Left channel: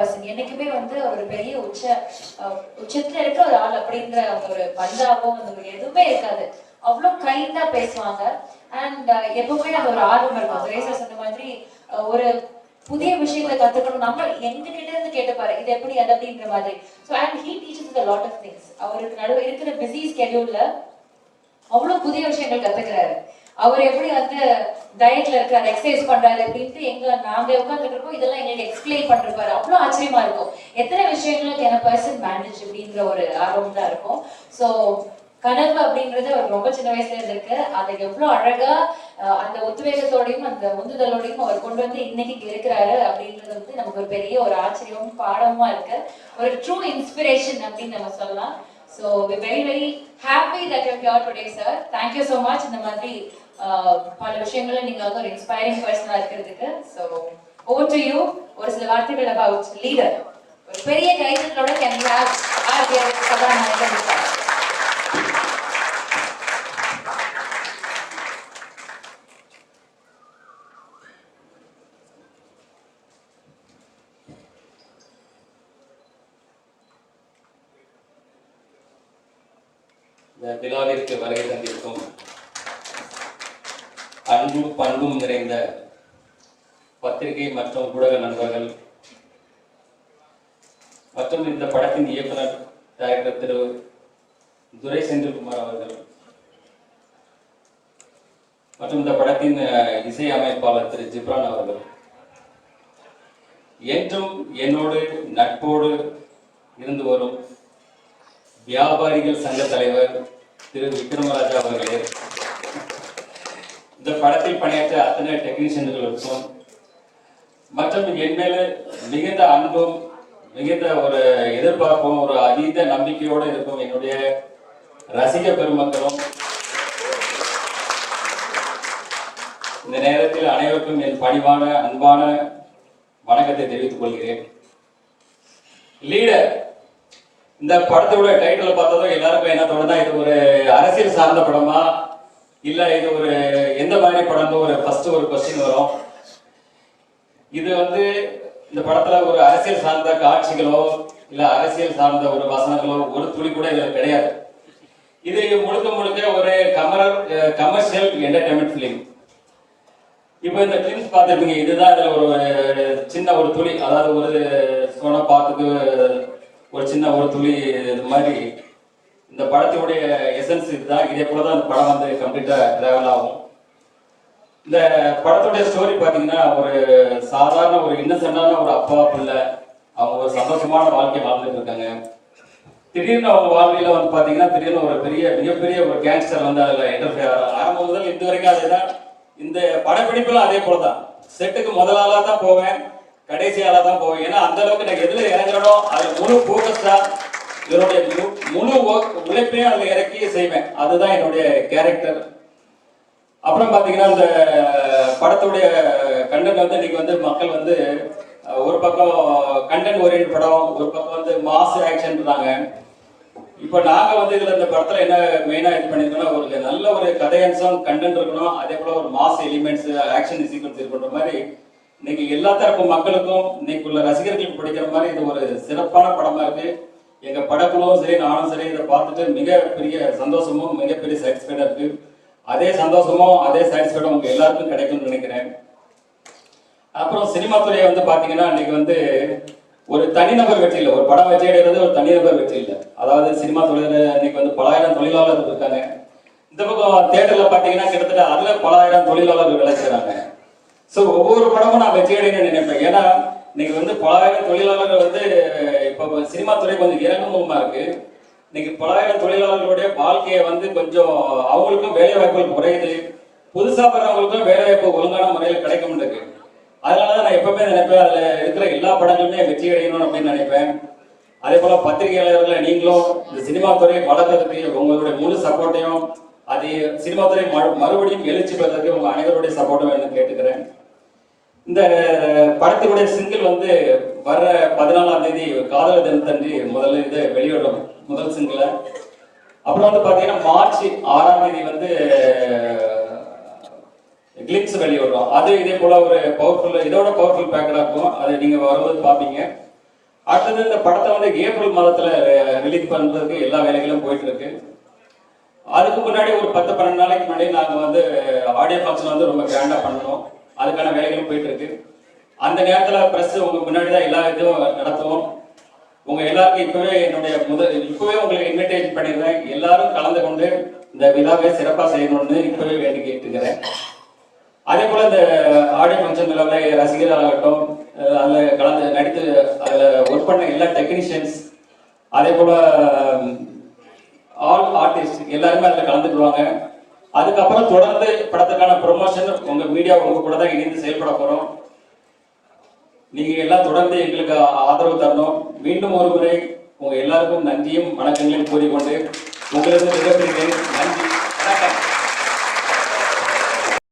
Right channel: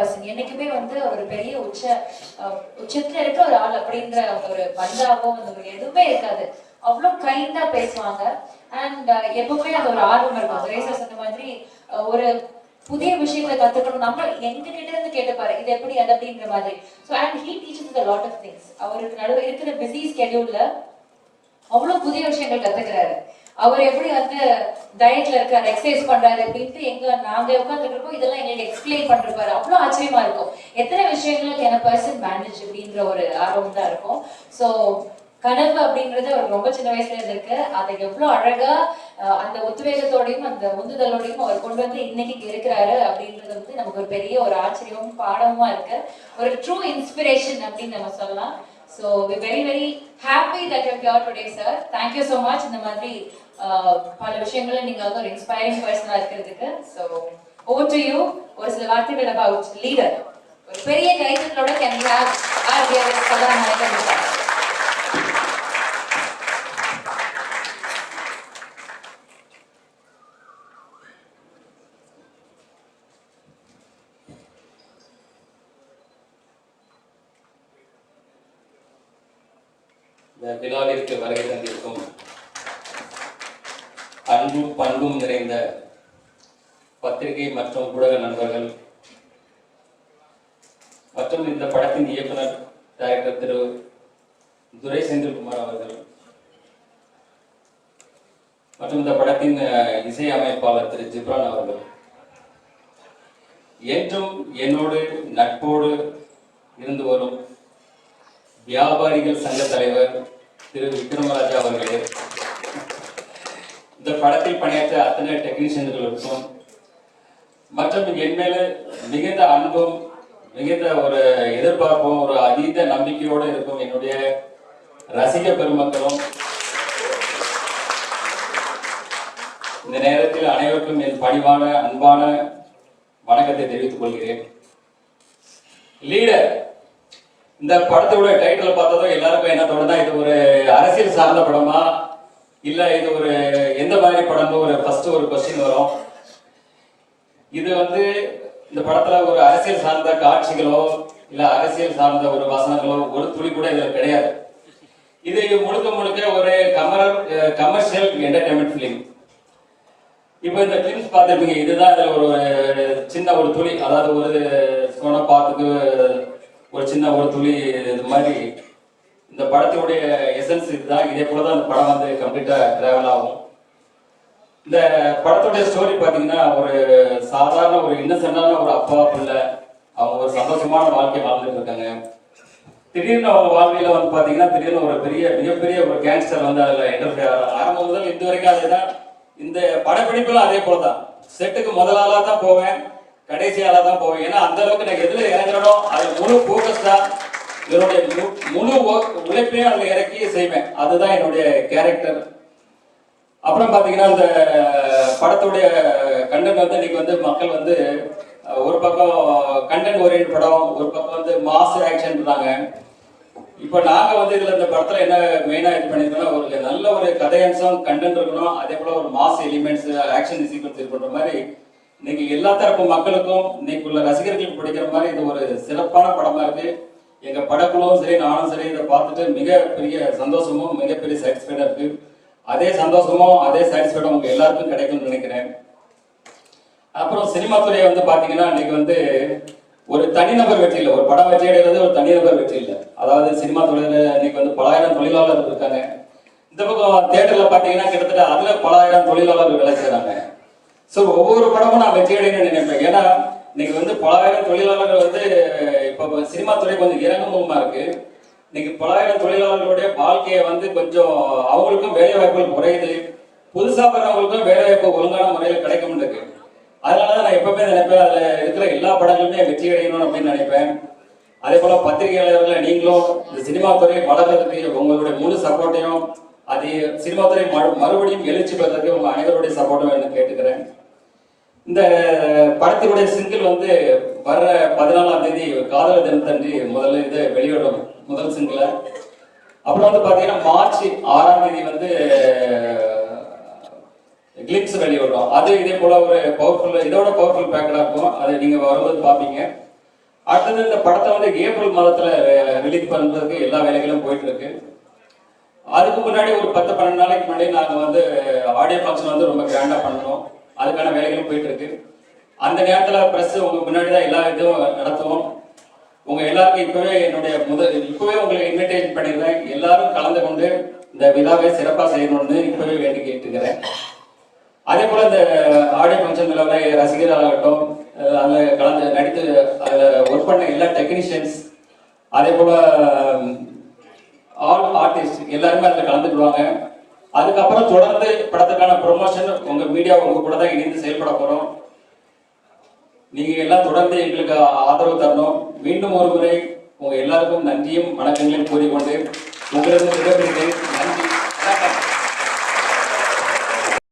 Person. என்னைக்குமே வந்து ஒரு பெரிய உச்சத்துல இருக்க ஒரு ஆள் அப்படின்ற ஒரு பந்தாவோ ஒரு எதுவுமே இருக்காது. அவ்வளவு கைண்டா பேசுவாங்க. அண்ட் எப்பவுமே அது ஒரு ஆர்வம் இருக்கும். திரேசா சொன்ன மாதிரி ஒரு புதிய விஷயங்களை கத்துக்கணும். நம்ம எங்க கிட்ட இருந்து கேட்டுப்பாரு இது எப்படி அது அப்படின்ற மாதிரி. So and he teaches a lot of things. அவருக்கு நடுவே இருக்கிற பிஸி ஸ்கெடியூல்ல அவ்வளவு புதிய விஷயங்கள் கத்துக்கிறாரு. அவர் எப்படி வந்து டயட்ல இருக்காரு, எக்ஸசைஸ் பண்றாரு அப்படின்ட்டு நாங்க உட்காந்துருக்கோம், இதெல்லாம் எங்களுக்கு எக்ஸ்பிளைன் பண்றாரு. அவ்வளவு ஆச்சரியமா இருக்கும். எத்தனை விஷயங்களுக்கு என்ன பர்சன் மேனேஜ் அப்படின்ற ஒரு ஆர்வம் தான் இருக்கும். ஸோ கனவு அப்படின்றது அவர் ரொம்ப சின்ன வயசுல இருக்கு. அதை எவ்வளவு அழகா அந்த உத்வேகத்தோடையும் அந்த உந்துதலோடையும் அவர் கொண்டு வந்து இன்னைக்கு இருக்கிறாரு அப்படின்றது வந்து நமக்கு ஒரு பெரிய ஒரு ஆச்சரியமும் பாடமுமா இருக்கு. ஒரு ட்ரூ இன்ஸ்பிரேஷன் அப்படின்னு நம்ம சொல்லலாம். So we're very very happy that you're here today, sir. Thank you so much. இந்த மாதிரி பல விஷயங்களை நீங்க வந்து ஒரு இன்ஸ்பைரிங் பர்சனா இருக்கிறதுக்கு. So over to you. ஒரு சில வார்த்தைகள் about leader. ஒரு பெரிய கைத்தட்டலோட can we have our dearest கதாநாயகன் sir. விழாவிற்கு வருகை தந்திருக்கும் அன்பும் பண்பும் நிறைந்த பத்திரிகை மற்றும் ஊடக நண்பர்கள் மற்றும் இந்த படத்தின் இயக்குனர் டைரக்டர் திரு துரை செந்தில்குமார் அவர்கள் மற்றும் இந்த படத்தின் இசை அமைப்பாளர் திரு ஜிப்ரான் அவர்கள், ஏற்றும் என்னோடு நட்போடு இருந்து வரும் வியாபாரிகள் சங்க தலைவர் திரு விக்ரமராஜா அவர்களே, இந்த படத்தில் பணியாற்ற அத்தனை டெக்னீஷியன்களுக்கும் மற்றும் என் மேல மிகுந்த அன்பும் மிகுந்த ஒரு எதிர்பார்ப்பும் ஒரு அதீத நம்பிக்கையோடு இருக்கும் என்னுடைய ரசிக பெருமக்களும் இந்த நேரத்தில் அனைவருக்கும் என் பணிவான அன்பான வணக்கத்தை தெரிவித்துக் கொள்கிறேன். லீடர் இந்த படத்தோட டைட்டில் பார்த்ததும் எல்லாருக்கும் என்ன தோணுதா, இது ஒரு அரசியல் சார்ந்த படமா இல்ல இது ஒரு எந்த மாதிரி படமும் ஒரு ஃபர்ஸ்ட் ஒரு கொஸ்டின் வரும். இது வந்து இந்த படத்துல ஒரு அரசியல் சார்ந்த காட்சிகளோ இல்ல அரசியல் சார்ந்த ஒரு வசனங்களோ ஒரு துளி கூட இதுல கிடையாது. இது முழுக்க முழுக்க ஒரு கமர்ஷியல் என்டர்டைன்மெண்ட் பிலிம். இப்ப இந்த பிலிம்ஸ் பார்த்துருப்பீங்க, இதுதான் இதுல ஒரு சின்ன ஒரு துளி, அதாவது ஒரு சோன பாத்துக்கு ஒரு சின்ன ஒரு துளி இது மாதிரி இந்த படத்துடைய எசன்ஸ் இதுதான். இதே போலதான் இந்த படம் வந்து கம்ப்ளீட்டா டிராவல் ஆகும். இந்த படத்துடைய ஸ்டோரி பாத்தீங்கன்னா ஒரு சாதாரண ஒரு இன்னசென்டான ஒரு அப்பா பிள்ளை, அவங்க ஒரு சந்தோஷமான வாழ்க்கை வாழ்ந்துட்டு இருக்காங்க. திடீர்னு அவங்க வாழ்க்கையில வந்து பாத்தீங்கன்னா திடீர்னு ஒரு மிகப்பெரிய ஒரு கேங்ஸ்டர் வந்து அதுல என்டர்ஃபியர் ஆரம்பம் முதல் இது வரைக்கும் அதுதான். இந்த படப்பிடிப்புல அதே போலதான், செட்டுக்கு முதல் ஆளா தான் போவேன், கடைசி ஆளா தான் போவேன். ஏன்னா அந்த அளவுக்கு நான் எதுல இறங்கணும் அது முழு போக்கஸ்டா என்னுடைய முழு உழைப்பையும் அதுல இறக்கி செய்வேன். அதுதான் என்னுடைய கேரக்டர். அப்புறம் பாத்தீங்கன்னா இந்த படத்துடைய கண்டென்ட் வந்து இன்னைக்கு வந்து மக்கள் வந்து ஒரு பக்கம் கண்டென்ட் ஓரியன்ட் படம், ஒரு பக்கம் வந்து மாஸ் ஆக்ஷன் இருந்தாங்க. இப்ப நாங்க வந்து இதுல இந்த படத்துல என்ன மெயினா இது பண்ணிருக்கோம்னா ஒரு நல்ல ஒரு கதையம்சம் கண்டென்ட் இருக்கணும், அதே போல ஒரு மாஸ் எலிமெண்ட்ஸ் ஆக்ஷன் சீக்வன்ஸ் இருக்கிற மாதிரி இன்னைக்கு எல்லா தரப்பு மக்களுக்கும் இன்னைக்கு உள்ள ரசிகர்களுக்கு பிடிக்கிற மாதிரி இது ஒரு சிறப்பான படமா இருக்கு. எங்க படக்குழுவும் சரி நானும் சரி இதை பார்த்துட்டு மிகப்பெரிய சந்தோஷமும் மிகப்பெரிய சாட்டிஸ்ஃபைடா இருக்கு. அதே சந்தோஷமும் அதே சாட்டிஸ்ஃபைடும் உங்க எல்லாருக்கும் கிடைக்கும்னு நினைக்கிறேன். அப்புறம் சினிமா துறை வந்து பாத்தீங்கன்னா இன்னைக்கு வந்து ஒரு தனிநபர் வெற்றி இல்லை, ஒரு படம் வெற்றி அடைகிறது ஒரு தனிநபர் வெற்றி இல்லை. அதாவது சினிமா துறையில இன்னைக்கு வந்து பல ஆயிரம் தொழிலாளர்கள் இருக்காங்க. இந்த பக்கம் தியேட்டர்ல பாத்தீங்கன்னா கிட்டத்தட்ட அதுல பல ஆயிரம் தொழிலாளர்கள் வேலை செய்யறாங்க. ஸோ ஒவ்வொரு படமும் நான் வெற்றி அடையணும்னு நினைப்பேன். ஏன்னா இன்னைக்கு வந்து பல ஆயிரம் தொழிலாளர்கள் வந்து இப்போ சினிமா துறை கொஞ்சம் இறங்குமுகமா இருக்கு. இன்னைக்கு பல ஆயிரம் தொழிலாளர்களுடைய வாழ்க்கையை வந்து கொஞ்சம் அவங்களுக்கும் வேலை வாய்ப்புகள் குறையுது, புதுசா வர்றவங்களுக்கும் வேலை வாய்ப்பு ஒழுங்கான முறையில் கிடைக்கும் இருக்கு. அதனாலதான் நான் எப்பவுமே நினைப்பேன் அதுல இருக்கிற எல்லா படங்களுமே வெற்றி அடையணும் அப்படின்னு நினைப்பேன். அதே போல பத்திரிகையாளர்கள் நீங்களும் இந்த சினிமா துறையை வளர்றதுக்கு உங்களுடைய முழு சப்போர்ட்டையும் அது சினிமா துறை மறுபடியும் எழுச்சி பெறதுக்கு உங்க அனைவருடைய சப்போர்ட்டும் என்ன கேட்டுக்கிறேன். இந்த படத்தினுடைய சிங்கிள் வந்து வர்ற 14ஆம் தேதி காதலர் தினத்தன்று முதல்ல இது வெளியிடும் முதல் சிங்கிள். அப்புறம் வந்து பாத்தீங்கன்னா மார்ச் 6ஆம் தேதி வந்து கிளிம்ஸ் வெளியிடுறோம். அது இதே போல ஒரு பவர்ஃபுல் இதோட பவர்ஃபுல் பேக்கடா இருக்கும். அதை நீங்க வரும்போது பாப்பீங்க. அடுத்தது இந்த படத்தை வந்து ஏப்ரல் மாதத்துல ரிலீஸ் பண்றதுக்கு எல்லா வேலைகளும் போயிட்டு இருக்கு. அதுக்கு முன்னாடி ஒரு 10-12 நாளைக்கு முன்னாடி நாங்க வந்து ஆடியோ ஃபங்க்ஷன் வந்து ரொம்ப கிராண்டா பண்ணணும். அதுக்கான வேலைகளும் போயிட்டு இருக்கு. அந்த நேரத்துல பிரஸ் உங்க முன்னாடி தான் எல்லா இதுவும் நடத்துவோம். உங்க எல்லாருக்கும் இப்பவே உங்களுக்கு இன்விடேஷன் பண்ணிடுறேன். எல்லாரும் கலந்து கொண்டு இந்த விழாவை சிறப்பா செய்யணும்னு இப்பவே வேண்டி கேட்டுக்கிறேன். அதே போல இந்த ஆடியோ ஃபங்க்ஷன்ல ரசிகர்களாகட்டும், அதுல கலந்து நடித்து அதுல ஒர்க் பண்ண எல்லா டெக்னீஷியன்ஸ், அதே போல ஆல் ஆர்டிஸ்ட் எல்லாருமே அதுல கலந்துக்குவாங்க. அதுக்கப்புறம் தொடர்ந்து படத்துக்கான ப்ரொமோஷன் உங்க மீடியா உங்க கூட தான் இணைந்து செயல்பட போறோம். நீங்க எல்லாம் தொடர்ந்து எங்களுக்கு ஆதரவு தரணும். மீண்டும் ஒரு முறை உங்க எல்லாருக்கும் நன்றியும் வணக்கங்களையும் கூறிக்கொண்டு உங்களிடம் நன்றி.